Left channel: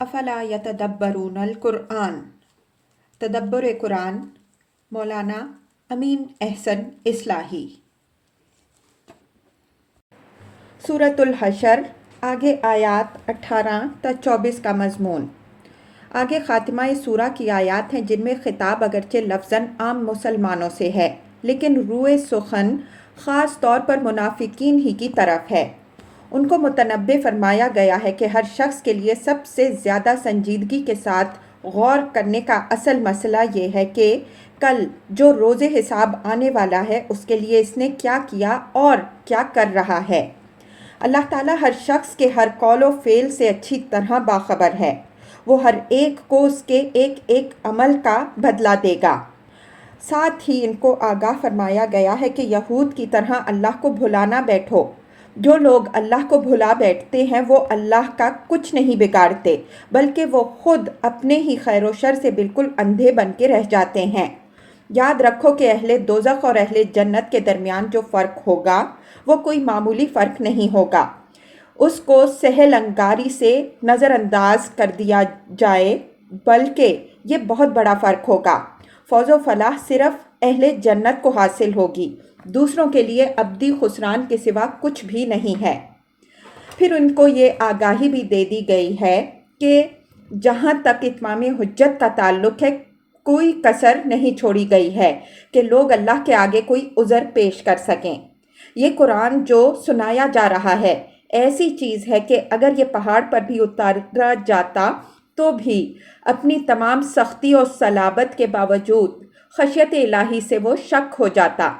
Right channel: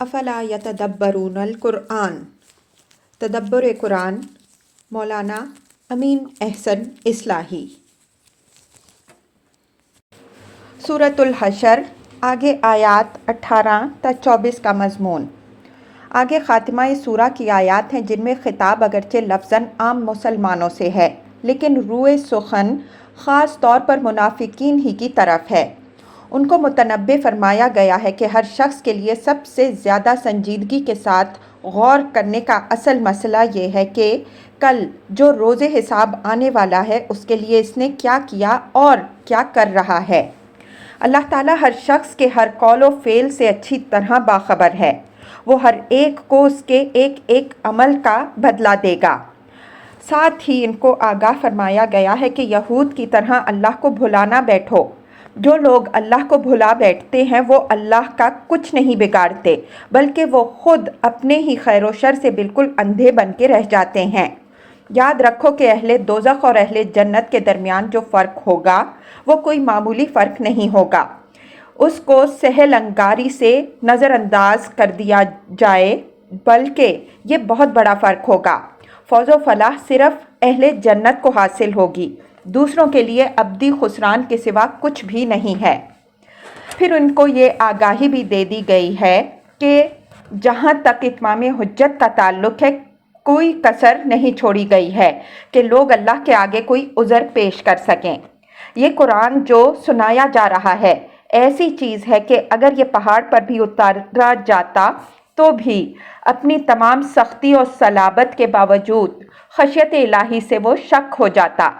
افلا یتدبرون القرآن، تدبر قرآن، مولانا امین احسن اصلاحی۔ سورۃ الحشر، آگے آیات 18 تا 24 کا مضمون۔ آگے خاتمہ سورہ کی آیات ہیں جن میں خطاب اگرچہ لفظاً عام مسلمانوں سے ہے لیکن روئے سخن خاص طور پر منافقین ہی کی طرف ہے۔ ان کو متنبہ فرمایا گیا ہے کہ ہر شخص کے لیے سب سے زیادہ سنجیدگی کے ساتھ غور کرنے کا اصل مسئلہ یہ ہے کہ کل جو روز حساب آنے والا ہے اس کے لیے اس نے کیا کیا اور کیا کر رہا ہے۔ اللہ تعالیٰ ہر شخص کے ہر قول و فعل سے اچھی طرح باخبر ہے۔ وہ ہر ایک کو اس کے ایک ایک عمل کا بدلہ دے گا۔ ساتھ ہی ان کو آگاہ فرمایا گیا ہے کہ یہود کی طرح اللہ کو بھلا نہ بیٹھو۔ جو لوگ اللہ کو بھلا بیٹھتے ہیں وہ اللہ کا کچھ نہیں بگاڑتے بلکہ وہ خود اپنے ہی خیر و شر سے بالکل اندھے بن کے رہ جاتے ہیں۔ یاد رکھو کہ اہل دوزخ اور اہل جنت کے درمیان جو فرق ہوگا وہ کوئی معمولی فرق نہیں ہوگا، اس کو سہل انگاری سے نظر انداز کر دیا جائے بلکہ یہ بہت بڑا فرق ہوگا۔ فوز و فلاح صرف اہل جنت کو حاصل ہوگی، دوسروں کے لیے ابدی خسران کے سوا کچھ بھی نہیں ہے۔ پھر ان کو یہ آگاہی بھی دے دی گئی ہے کہ جہاں تک اتمام حجت کا تعلق ہے کوئی کسر نہیں چھوڑی گئی ہے کہ لوگ اللہ کے آگے کوئی عذر پیش کر سکیں۔ یہ قرآن جو سنایا جا رہا ہے ایسی چیز ہے کہ اگر یہ پہاڑ پر بھی اتارا جاتا تو بھی اپنی تمام سختی اور صلابت کے باوجود خشیت الہی سے وہ شک ہو جاتا۔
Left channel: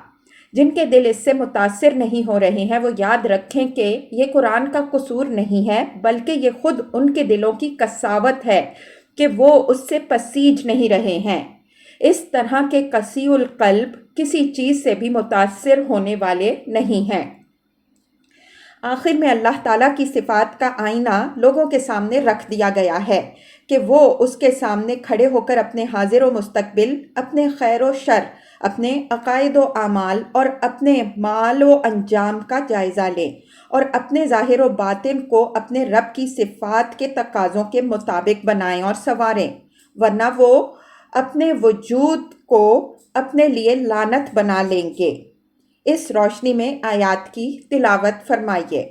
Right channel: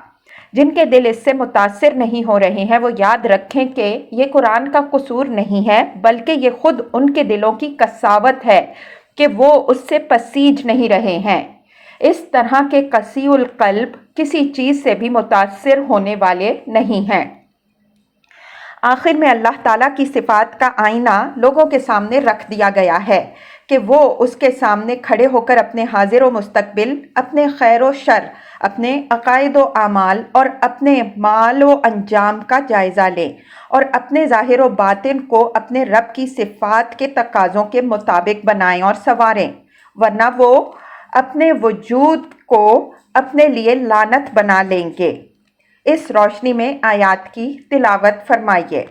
جن کے دل اس سے متاثر نہیں ہو رہے ہیں وہ یاد رکھیں کہ یہ قرآن کا قصور نہیں ہے بلکہ یہ خود ان کے دلوں کی قساوت ہے کہ وہ اس سے پسیج نہیں رہے ہیں۔ اس طرح کے قسی القلب کسی چیز سے بھی متاثر ہونے والے نہیں ہیں۔ آخر میں اللہ تعالیٰ کی صفات کا آئینہ لوگوں کے سامنے رکھ دیا گیا ہے کہ وہ اس کے سامنے کھڑے ہو کر اپنے حاضر و مستقبل، اپنے خیر و شر، اپنے عقائد و اعمال اور اپنے مال و انجام کا جائزہ لیں اور اپنے ظاہر و باطن کو اپنے رب کی صفات کے تقاضوں کے مطابق بنائیں اور سنواریں، ورنہ وہ اپنے وجود کو اپنے لیے لعنت بنا لیں گے۔ اس روشنی میں آیات کی تلاوت فرمائیے۔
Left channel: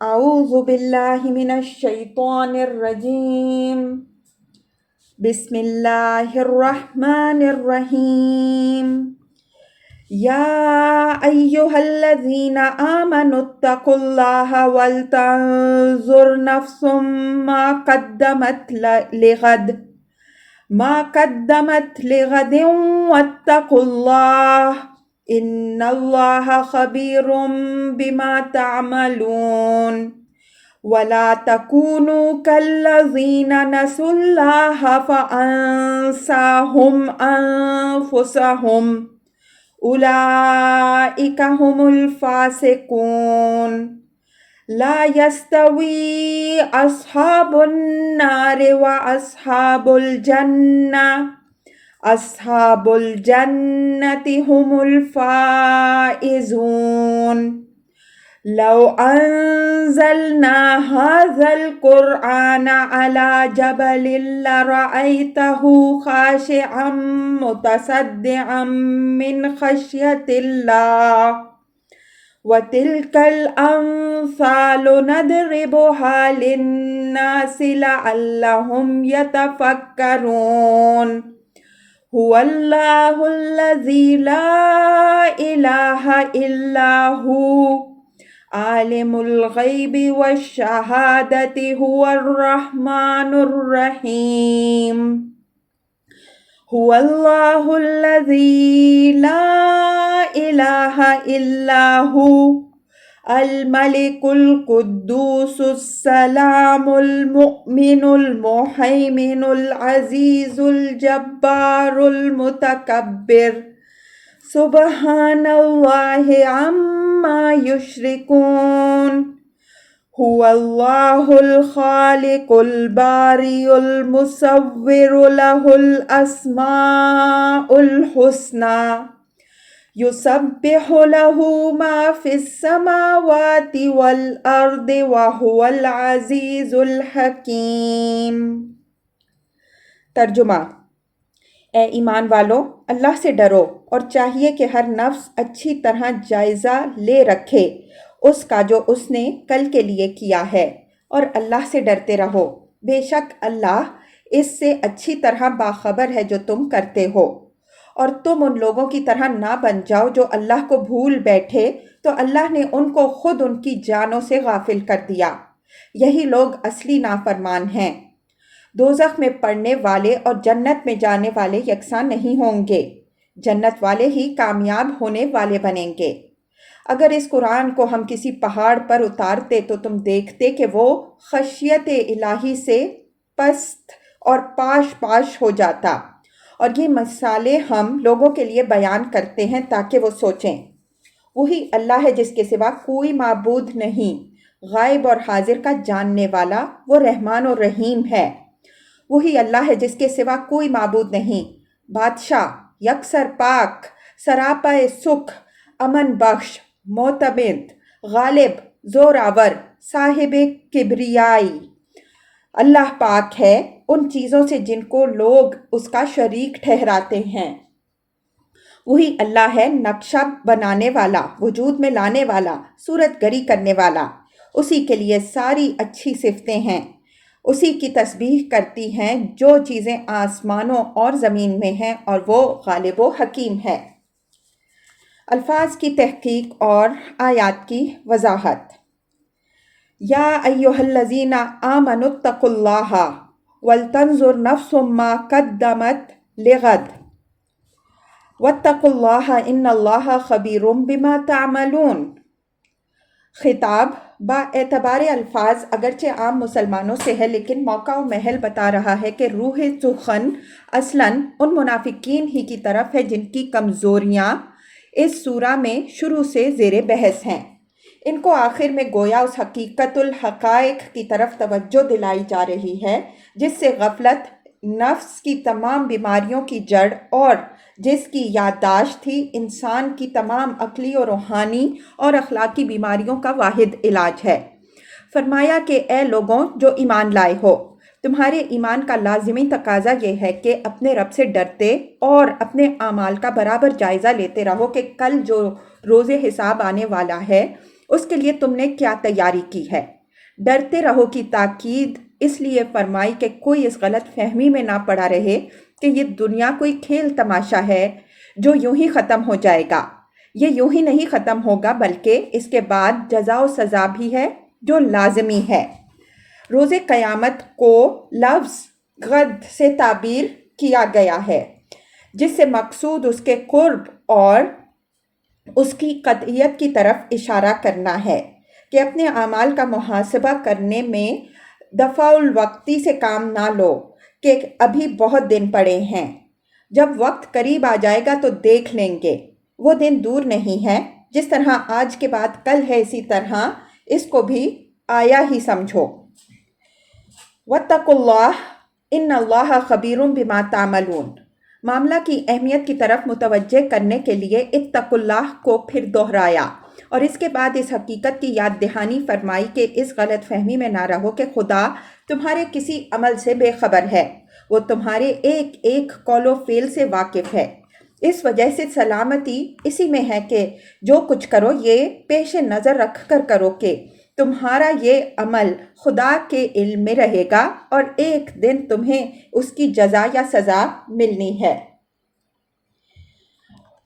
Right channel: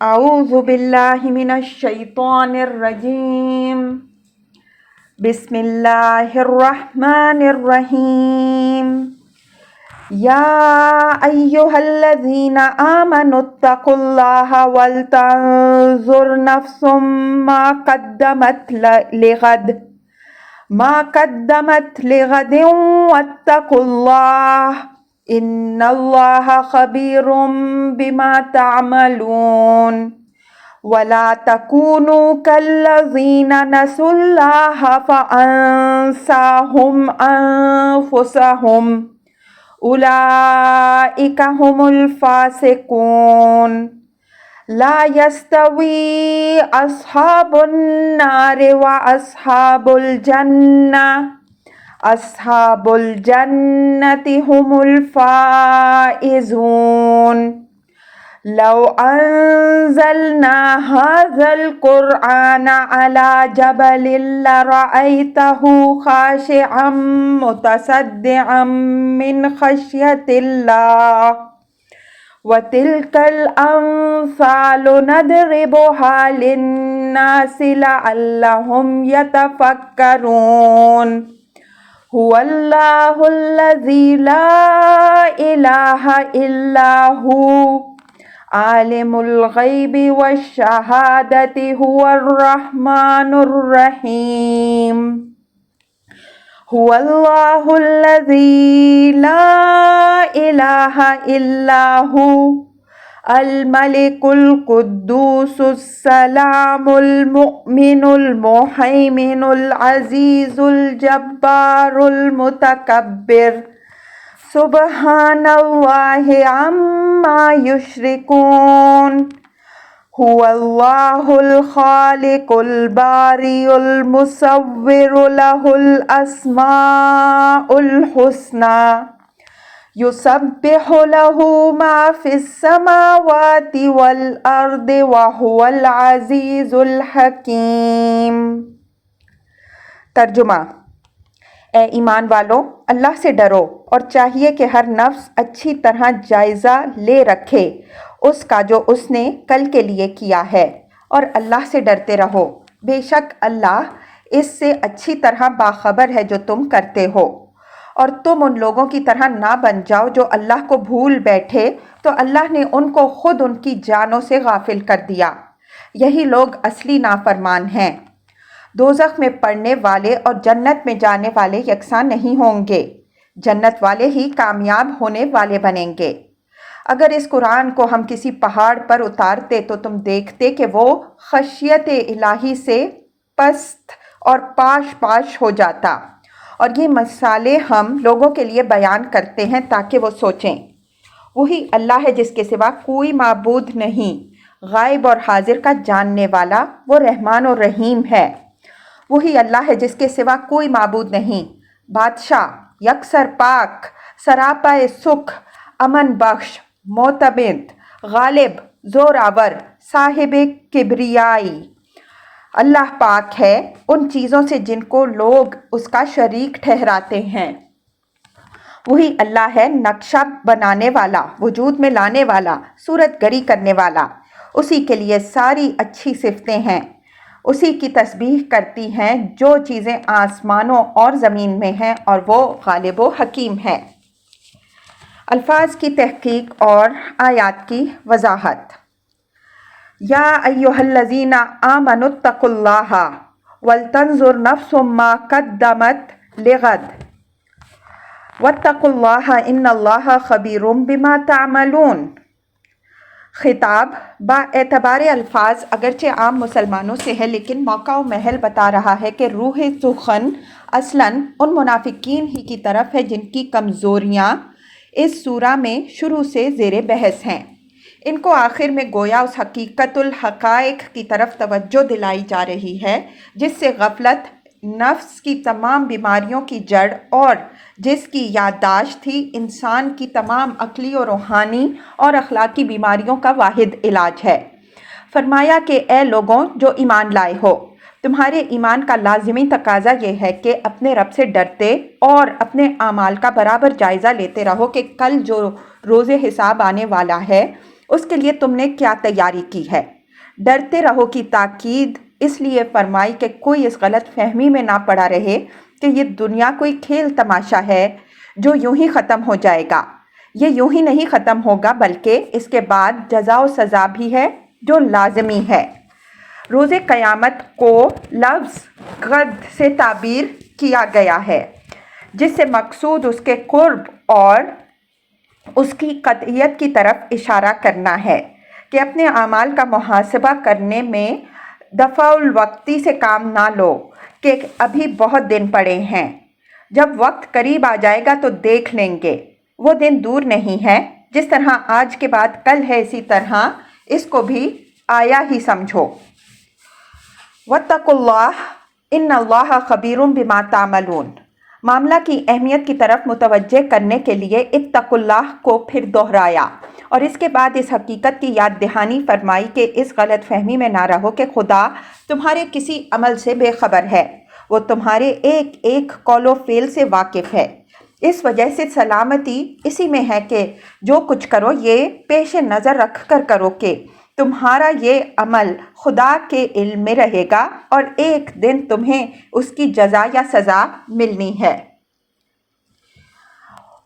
اعوذ باللہ من الشیطان الرجیم، بسم اللہ الرحمن الرحیم۔ یا ایہا الذین آمنوا اتقوا اللہ ولتنظر نفس ما قدمت لغد واتقوا اللہ ان اللہ خبیر بما تعملون۔ ولا تکونوا کالذین نسوا اللہ فانساہم انفسہم اولئک هم الفاسقون۔ لا یستوی اصحاب النار واصحاب الجنہ، اصحاب الجنة هم الفائزون۔ لو انزلنا هذا القرآن على جبل لرأيته خاشعا متصدعا من خشية الله وتلك الأمثال نضربها للناس لعلهم يتفكرون۔ هو الله الذي لا إله إلا هو عالم الغیب والشہادۃ هو الرحمن الرحیم۔ هو اللہ الذی لا الہ الا هو الملک القدوس السلام المؤمن المہیمن العزیز الجبار المتکبر۔ سبحان اللہ عما یشرکون۔ هو اللہ الخالق الباری المصور له الاسماء الحسنى یسبح لہ ما فی السماوات والارض وہو العزیز الحکیم۔ ترجمہ: اے ایمان والو، اللہ سے ڈرو اور چاہیے کہ ہر نفس اچھی طرح جائزہ لے رکھے اس کا جو اس نے کل کے لیے کیا ہے، اور اللہ سے ڈرتے رہو، بے شک اللہ اس سے اچھی طرح باخبر ہے جو تم کرتے ہو۔ اور تم ان لوگوں کی طرح نہ بن جاؤ جو اللہ کو بھول بیٹھے تو اللہ نے ان کو خود ان کی جانوں سے غافل کر دیا۔ یہی لوگ اصلی نافرمان ہیں۔ دوزخ میں پڑنے والے اور جنت میں جانے والے یکساں نہیں ہوں گے، جنت والے ہی کامیاب ہونے والے بنیں گے۔ اگر اس قرآن کو ہم کسی پہاڑ پر اتارتے تو تم دیکھتے کہ وہ خشیت الہی سے پست اور پاش پاش ہو جاتا۔ اور یہ مثالیں ہم لوگوں کے لیے بیان کرتے ہیں تاکہ وہ سوچیں۔ وہی اللہ ہے جس کے سوا کوئی معبود نہیں، غائب اور حاضر کا جاننے والا، وہ رحمان اور رحیم ہے۔ وہی اللہ ہے جس کے سوا کوئی معبود نہیں، بادشاہ، یکسر پاک، سراپا سکھ، امن بخش، معتمد، غالب، زوراور، صاحب کبریائی۔ اللہ پاک ہے ان چیزوں سے جن کو لوگ اس کا شریک ٹھہراتے ہیں۔ وہی اللہ ہے نقشہ بنانے والا، وجود میں لانے والا، صورت گری کرنے والا۔ اسی کے لیے ساری اچھی صفتیں ہیں۔ اسی کی تسبیح کرتی ہیں جو چیزیں آسمانوں اور زمین میں ہیں، اور وہ غالب و حکیم ہے۔ الفاظ کی تحقیق اور آیات کی وضاحت۔ یا ایھا الذین آمنوا اتقوا اللہ ولتنظر نفس ما قدمت لغد واتقوا اللہ ان اللہ خبیر بما تعملون۔ خطاب با اعتبار الفاظ اگرچہ عام مسلمانوں سے ہے، لیکن موقع و محل بتا رہا ہے کہ روح سخن اصلاً ان منافقین ہی کی طرف ہے جن کی کمزوریاں اس سورہ میں شروع سے زیر بحث ہیں۔ ان کو آخر میں گویا اس حقیقت الحقائق کی طرف توجہ دلائی جا رہی ہے جس سے غفلت نفس کی تمام بیماریوں کی جڑ اور جس کی یادداشت تھی انسان کی تمام عقلی و روحانی اور اخلاقی بیماریوں کا واحد علاج ہے۔ فرمایا کہ اے لوگوں جو ایمان لائے ہو، تمہارے ایمان کا لازمی تقاضا یہ ہے کہ اپنے رب سے ڈرتے اور اپنے اعمال کا برابر جائزہ لیتے رہو کہ کل جو روز حساب آنے والا ہے اس کے لیے تم نے کیا تیاری کی ہے۔ ڈرتے رہو کی تاکید اس لیے فرمائی کہ کوئی اس غلط فہمی میں نہ پڑا رہے کہ یہ دنیا کوئی کھیل تماشا ہے جو یوں ہی ختم ہو جائے گا۔ یہ یوں ہی نہیں ختم ہوگا بلکہ اس کے بعد جزا و سزا بھی ہے جو لازمی ہے۔ روز قیامت کو لفظ غد سے تعبیر کیا گیا ہے جس سے مقصود اس کے قرب اور اس کی قطعیت کی طرف اشارہ کرنا ہے کہ اپنے اعمال کا محاسبہ کرنے میں دفع الوقتی سے کام نہ لو کہ ابھی بہت دن پڑے ہیں۔ جب وقت قریب آ جائے گا تو دیکھ لیں گے، وہ دن دور نہیں ہے۔ جس طرح آج کے بعد کل ہے اسی طرح اس کو بھی آیا ہی سمجھو۔ واتقوا اللہ ان اللہ خبیر بما تعملون۔ معاملہ کی اہمیت کی طرف متوجہ کرنے کے لیے اتقوا اللہ کو پھر دہرایا اور اس کے بعد اس حقیقت کی یاد دہانی فرمائی کہ اس غلط فہمی میں نہ رہو کہ خدا تمہارے کسی عمل سے بے خبر ہے، وہ تمہارے ایک ایک قول و فعل سے واقف ہے۔ اس وجہ سے سلامتی اسی میں ہے کہ جو کچھ کرو یہ پیش نظر رکھ کر کرو کہ تمہارا یہ عمل خدا کے علم میں رہے گا اور ایک دن تمہیں اس کی جزا یا سزا ملنی ہے۔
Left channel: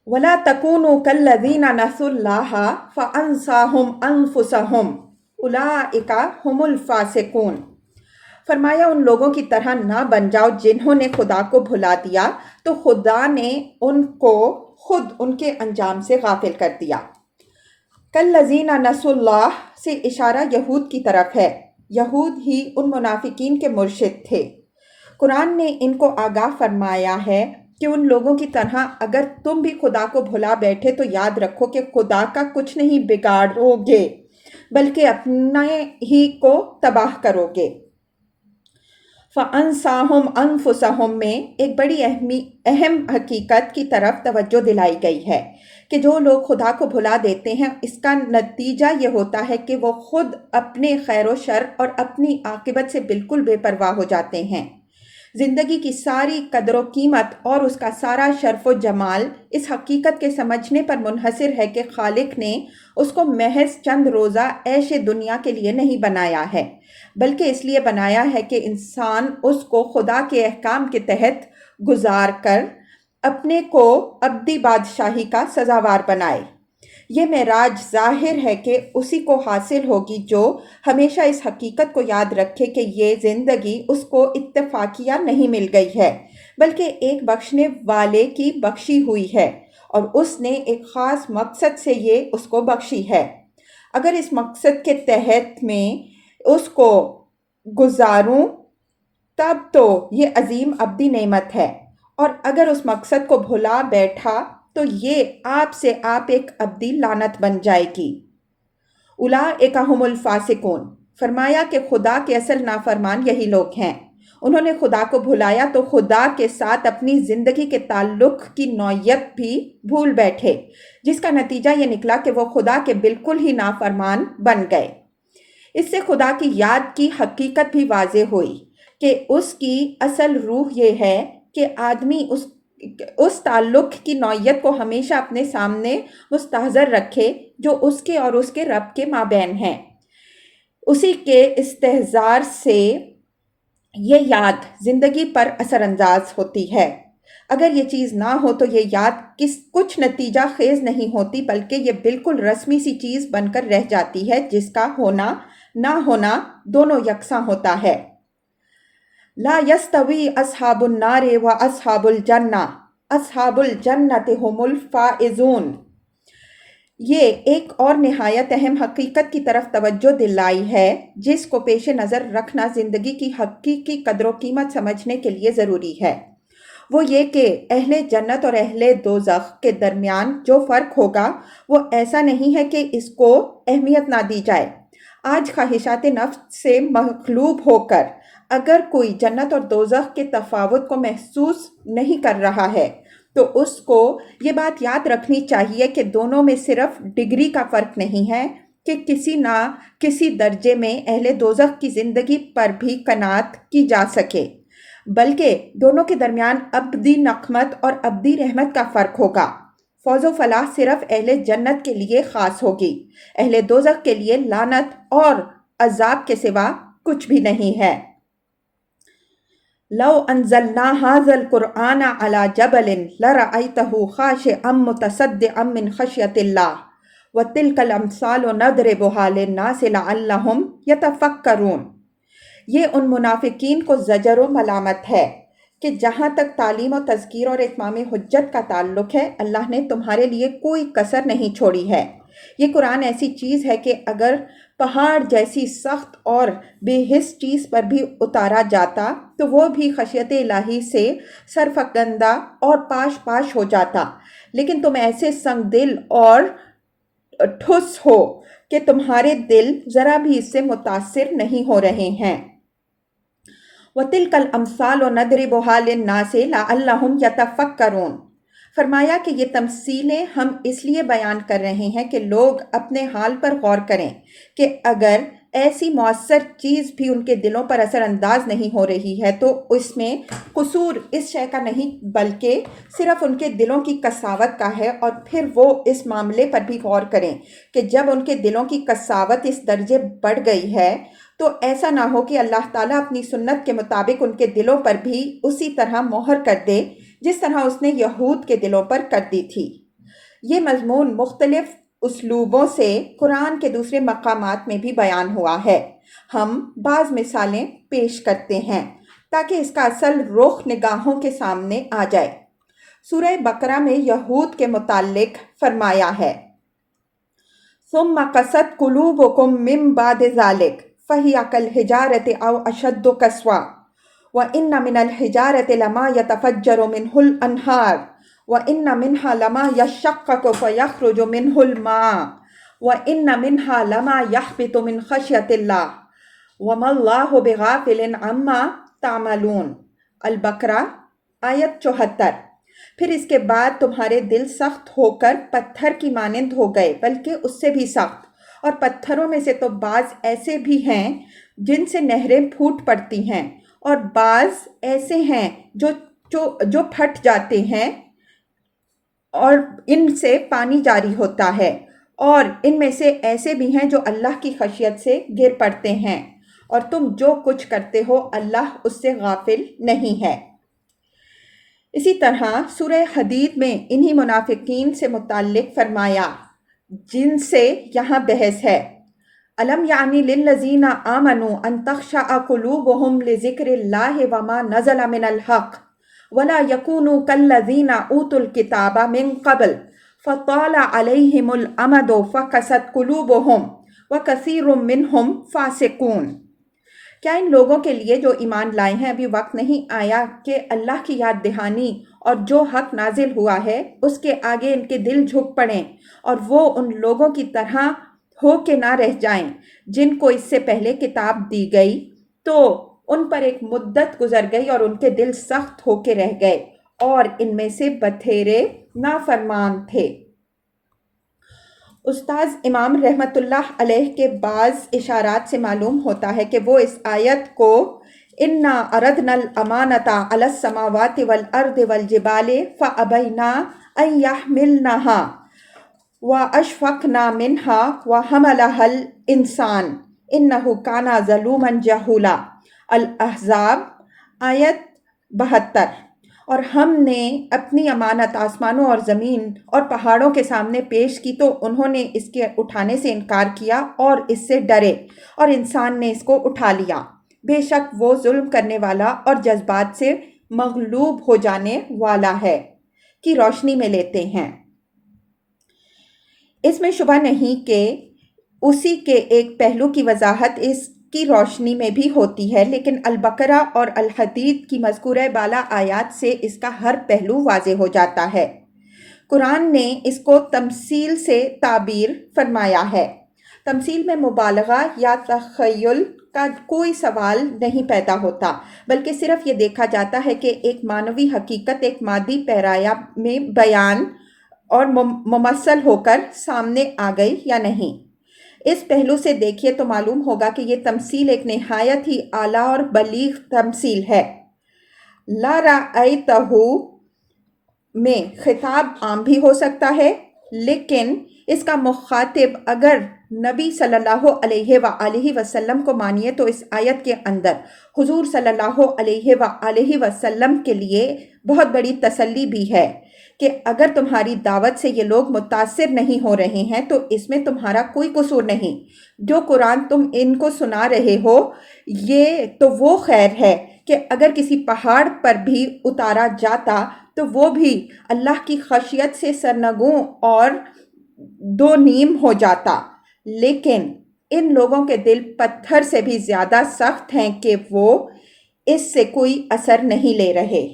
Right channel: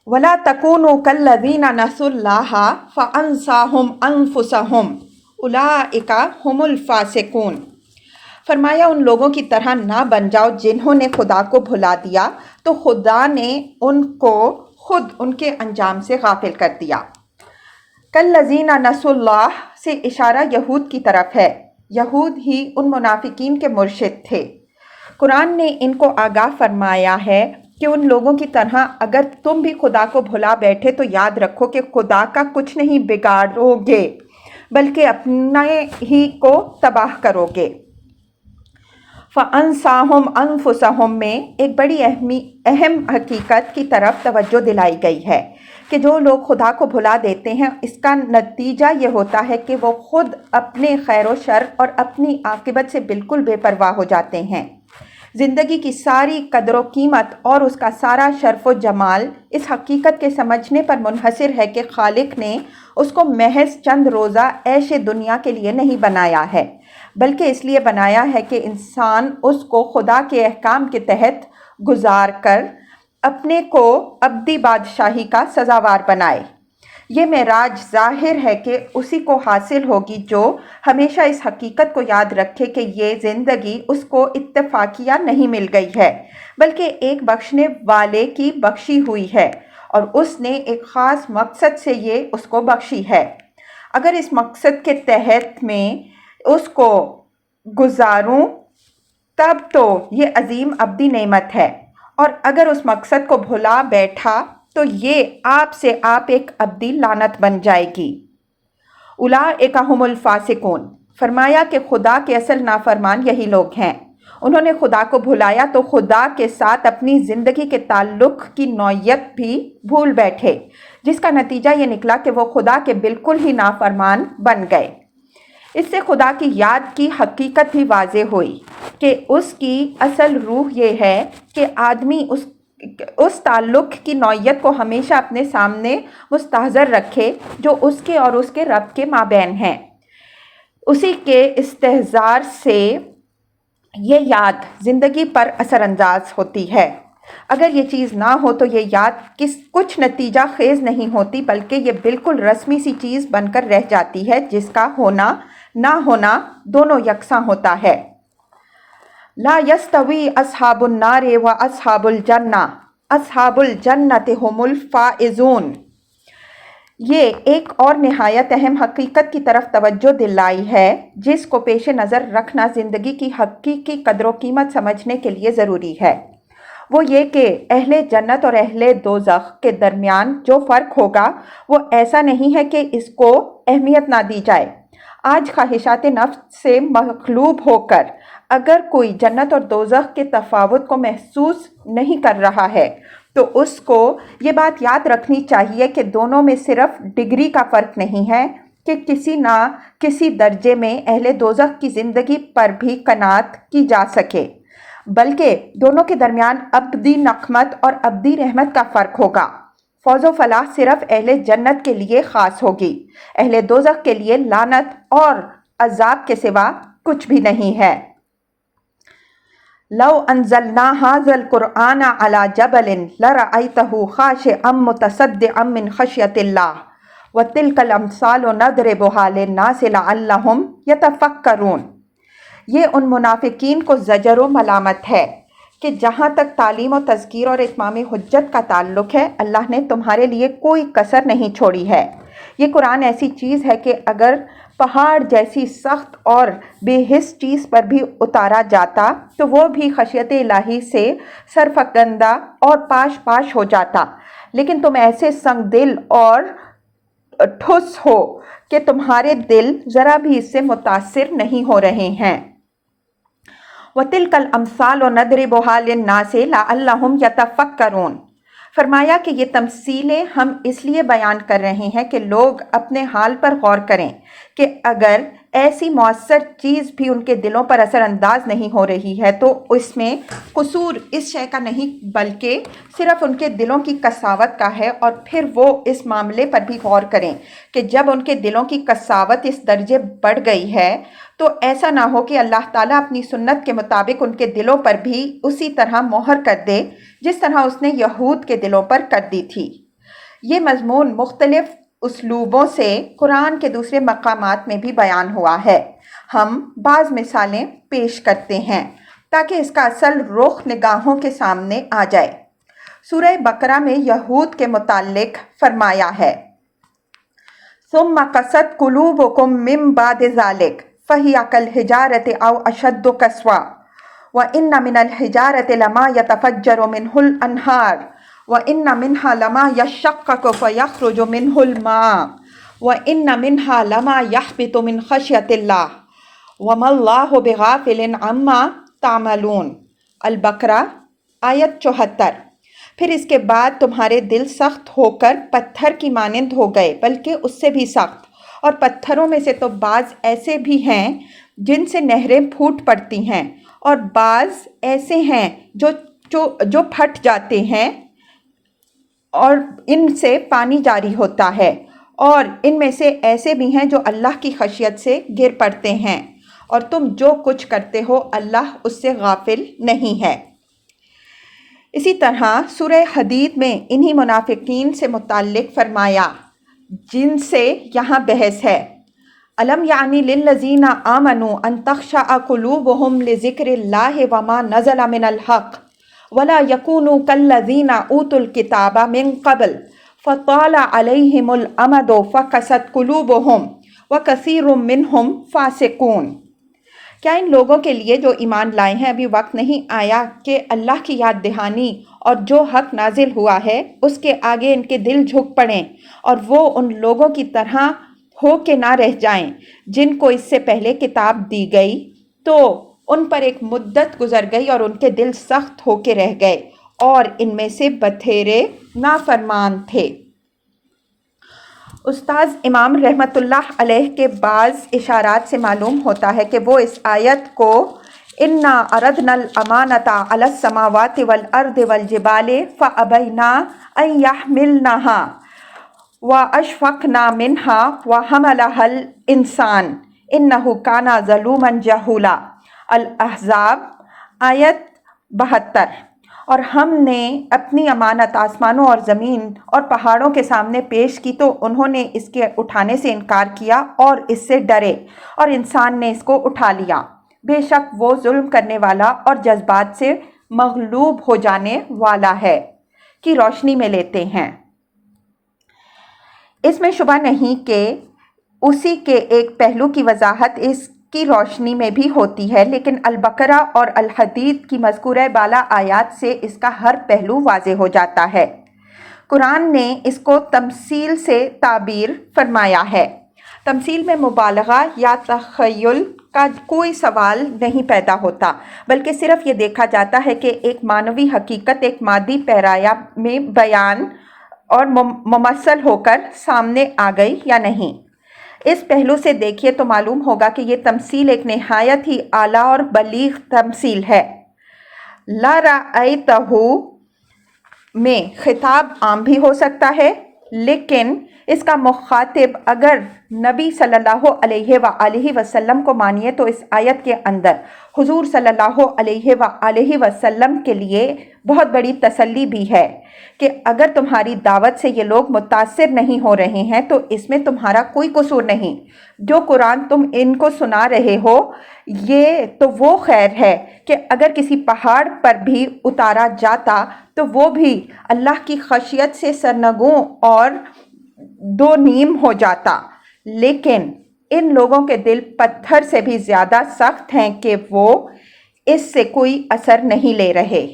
وَلَا تَكُونُوا كَالَّذِينَ نَسُوا اللَّهَ فَأَنسَاهُمْ أَنفُسَهُمْ أُولَٰئِكَ هُمُ الْفَاسِقُونَ۔ فرمایا ان لوگوں کی طرح نہ بن جاؤ جنہوں نے خدا کو بھلا دیا تو خدا نے ان کو خود ان کے انجام سے غافل کر دیا۔ کالذین نسوا اللہ سے اشارہ یہود کی طرف ہے۔ یہود ہی ان منافقین کے مرشد تھے۔ قرآن نے ان کو آگاہ فرمایا ہے کہ ان لوگوں کی طرح اگر تم بھی خدا کو بھلا بیٹھے تو یاد رکھو کہ خدا کا کچھ نہیں بگاڑو گے بلکہ اپنے ہی کو تباہ کرو گے۔ فَأَنسَاهُمْ أَنفُسَهُمْ میں ایک بڑی اہم حقیقت کی طرف توجہ دلائی گئی ہے کہ جو لوگ خدا کو بھلا دیتے ہیں اس کا نتیجہ یہ ہوتا ہے کہ وہ خود اپنے خیر و شر اور اپنی عاقبت سے بالکل بے پرواہ ہو جاتے ہیں۔ زندگی کی ساری قدر و قیمت اور اس کا سارا شرف و جمال اس حقیقت کے سمجھنے پر منحصر ہے کہ خالق نے اس کو محض چند روزہ عیش دنیا کے لیے نہیں بنایا ہے، بلکہ اس لیے بنایا ہے کہ انسان اس کو خدا کے احکام کے تحت گزار کر اپنے کو ابدی بادشاہی کا سزاوار بنائے۔ یہ معراج ظاہر ہے کہ اسی کو حاصل ہوگی جو ہمیشہ اس حقیقت کو یاد رکھے کہ یہ زندگی اس کو اتفاقیہ نہیں مل گئی ہے، بلکہ ایک بخشنے والے کی بخشی ہوئی ہے، اور اس نے ایک خاص مقصد سے یہ اس کو بخشی ہے۔ اگر اس مقصد کے تحت میں اس کو گزاروں تب تو یہ عظیم ابدی نعمت ہے، اور اگر اس مقصد کو بھلا بیٹھا تو یہ آپ سے آپ ایک ابدی لعنت بن جائے گی۔ اولئک ھم الفاسقون، فرمایا کہ خدا کے اصل نافرمان یہی لوگ ہیں۔ انہوں نے خدا کو بھلایا تو خدا کے ساتھ اپنی زندگی کے تعلق کی نوعیت بھی بھول بیٹھے، جس کا نتیجہ یہ نکلا کہ وہ خدا کے بالکل ہی نافرمان بن گئے۔ اس سے خدا کی یاد کی حقیقت بھی واضح ہوئی کہ اس کی اصل روح یہ ہے کہ آدمی اس تعلق کی نوعیت کو ہمیشہ اپنے سامنے مستحضر رکھے جو اس کے اور اس کے رب کے مابین ہیں۔ اسی کے استحضار سے یہ یاد زندگی پر اثر انداز ہوتی ہے۔ اگر یہ چیز نہ ہو تو یہ یاد کچھ نتیجہ خیز نہیں ہوتی، بلکہ یہ بالکل رسمی سی چیز بن کر رہ جاتی ہے جس کا ہونا نہ ہونا دونوں یکساں ہوتا ہے۔ لا یستوی اصحاب النار و اصحاب الجنہ، اصحاب الجنۃ ھم الفائزون۔ یہ ایک اور نہایت اہم حقیقت کی طرف توجہ دلائی ہے جس کو پیش نظر رکھنا زندگی کی حقیقی قدر و قیمت سمجھنے کے لیے ضروری ہے۔ وہ یہ کہ اہل جنت اور اہل دوزخ کے درمیان جو فرق ہوگا وہ ایسا نہیں ہے کہ اس کو اہمیت نہ دی جائے۔ آج خواہشات نفس سے مغلوب ہو کر اگر کوئی جنت اور دوزخ کے تفاوت کو محسوس نہیں کر رہا ہے تو اس کو یہ بات یاد رکھنی چاہیے کہ دونوں میں صرف ڈگری کا فرق نہیں ہے کہ کسی نہ کسی درجے میں اہل دوزخ کی زندگی پر بھی قناعت کی جا سکے، بلکہ دونوں کے درمیان ابدی نقمت اور ابدی رحمت کا فرق ہوگا۔ فوز و فلاح صرف اہل جنت کے لیے خاص ہوگی، اہل دوزخ کے لیے لعنت اور عذاب کے سوا کچھ بھی نہیں ہے۔ لو انزلنا ھذا القرآن علی جبل لرأیتہ خاشعا متصدعا من خشیۃ اللہ وتلک الامثال نضربھا للناس لعلہم یتفکرون۔ یہ ان منافقین کو زجر و ملامت ہے کہ جہاں تک تعلیم و تذکیر اور اتمام حجت کا تعلق ہے اللہ نے تمہارے لیے کوئی کسر نہیں چھوڑی ہے۔ یہ قرآن ایسی چیز ہے کہ اگر پہاڑ جیسی سخت اور بے حس چیز پر بھی اتارا جاتا تو وہ بھی خشیت الہی سے سرفکندہ اور پاش پاش ہو جاتا، لیکن تم ایسے سنگ دل اور ٹھس ہو کہ تمہارے دل ذرا بھی اس سے متاثر نہیں ہو رہے ہیں۔ وَتِلْكَ الْأَمْثَالُ نَضْرِبُهَا لِلنَّاسِ لَعَلَّهُمْ يَتَفَكَّرُونَ۔ فرمایا کہ یہ تمثیلیں ہم اس لیے بیان کر رہے ہیں کہ لوگ اپنے حال پر غور کریں کہ اگر ایسی مؤثر چیز بھی ان کے دلوں پر اثر انداز نہیں ہو رہی ہے تو اس میں قصور اس شے کا نہیں بلکہ صرف ان کے دلوں کی قساوت کا ہے، اور پھر وہ اس معاملے پر بھی غور کریں کہ جب ان کے دلوں کی قساوت اس درجے بڑھ گئی ہے تو ایسا نہ ہو کہ اللہ تعالیٰ اپنی سنت کے مطابق ان کے دلوں پر بھی اسی طرح مہر کر دے جس طرح اس نے یہود کے دلوں پر کر دی تھی۔ یہ مضمون مختلف اسلوبوں سے قرآن کے دوسرے مقامات میں بھی بیان ہوا ہے۔ ہم بعض مثالیں پیش کرتے ہیں تاکہ اس کا اصل رخ نگاہوں کے سامنے آ جائے۔ سورہ بقرہ میں یہود کے متعلق فرمایا ہے ثم قست قلوبکم من بعد ذلک فہی کالحجارۃ او اشد قسوۃ وان من الحجارۃ لما یتفجر منہ الانہار وان منها لما یشقق فیخرج منہ الماء وان منها لما یہبط من خشیۃ اللہ وما اللہ بغافل عما تعملون۔ البقرہ آیت 74۔ پھر اس کے بعد تمہارے دل سخت ہو کر پتھر کی مانند ہو گئے، بلکہ اس سے بھی سخت، اور پتھروں میں سے تو بعض ایسے بھی ہیں جن سے نہریں پھوٹ پڑتی ہیں، اور بعض ایسے ہیں جو پھٹ جاتے ہیں اور ان سے پانی جاری ہوتا ہے، اور ان میں سے ایسے بھی ہیں جو اللہ کی خشیت سے گر پڑتے ہیں، اور تم جو کچھ کرتے ہو اللہ اس سے غافل نہیں ہے۔ اسی طرح سورہ حدید میں انہی منافقین سے متعلق فرمایا جن سے یہاں بحث ہے، أَلَمْ يَعْنِ لِلَّذِينَ آمَنُوا أَن تَخْشَعَ قُلُوبُهُمْ لِذِكْرِ اللَّهِ وَمَا نَزَلَ مِنَ الْحَقِّ وَلَا يَكُونُوا كَالَّذِينَ أُوتُوا الْكِتَابَ مِن قَبْلُ فَطَالَ عَلَيْهِمُ الْأَمَدُ فَقَسَتْ قُلُوبُهُمْ وَكَثِيرٌ مِّنْهُمْ فَاسِقُونَ۔ کیا ان لوگوں کے لیے جو ایمان لائے ہیں ابھی وقت نہیں آیا کہ اللہ کی یاد دہانی اور جو حق نازل ہوا ہے اس کے آگے ان کے دل جھک پڑیں اور وہ ان لوگوں کی طرح ہو کے نہ رہ جائیں جن کو اس سے پہلے کتاب دی گئی تو ان پر ایک مدت گزر گئی اور ان کے دل سخت ہو کے رہ گئے اور ان میں سے بتھیرے نافرمان تھے۔ استاذ امام رحمۃ اللہ علیہ کے بعض اشارات سے معلوم ہوتا ہے کہ وہ اس آیت کو اِنَّا عَرَضْنَا الْأَمَانَةَ عَلَى السَّمَاوَاتِ وَالْأَرْضِ وَالْجِبَالِ فَأَبَيْنَا أَن يَحْمِلْنَهَا وَأَشْفَقْنَا مِنْهَا وَحَمَلَهَا الْإِنسَانُ إِنَّهُ كَانَ ظَلُومًا جَهُولًا۔ الاحزاب آیت 72۔ اور ہم نے اپنی امانت آسمانوں اور زمین اور پہاڑوں کے سامنے پیش کی تو انہوں نے اس کے اٹھانے سے انکار کیا اور اس سے ڈرے اور انسان نے اس کو اٹھا لیا، بے شک وہ ظلم کرنے والا اور جذبات سے مغلوب ہو جانے والا ہے، کی روشنی میں لیتے ہیں۔ اس میں شبہ نہیں کہ اسی کے ایک پہلو کی وضاحت اس کی روشنی میں بھی ہوتی ہے، لیکن البقرہ اور الحدید کی مذکورہ بالا آیات سے اس کا ہر پہلو واضح ہو جاتا ہے۔ قرآن نے اس کو تمثیل سے تعبیر فرمایا ہے۔ تمثیل میں مبالغہ یا تخیل کا کوئی سوال نہیں پیدا ہوتا، بلکہ صرف یہ دیکھا جاتا ہے کہ ایک معنوی حقیقت ایک مادی پیرایہ میں بیان اور ممثل ہو کر سامنے آ گئی یا نہیں۔ اس پہلو سے دیکھیے تو معلوم ہوگا کہ یہ تمثیل ایک نہایت ہی اعلیٰ اور بلیغ تمثیل ہے۔ لا رأیتہ میں خطاب عام بھی ہو سکتا ہے، لیکن اس کا مخاطب اگر نبی صلی اللہ علیہ وآلہ وسلم کو مانیے تو اس آیت کے اندر حضور صلی اللہ علیہ وآلہ وسلم کے لیے بہت بڑی تسلی بھی ہے کہ اگر تمہاری دعوت سے یہ لوگ متاثر نہیں ہو رہے ہیں تو اس میں تمہارا کوئی قصور نہیں۔ جو قرآن تم ان کو سنا رہے ہو یہ تو وہ خیر ہے کہ اگر کسی پہاڑ پر بھی اتارا جاتا تو وہ بھی اللہ کی خشیت سے سرنگوں اور دو نیم ہو جاتا، لیکن ان لوگوں کے دل پتھر سے بھی زیادہ سخت ہیں کہ وہ اس سے کوئی اثر نہیں لے رہے۔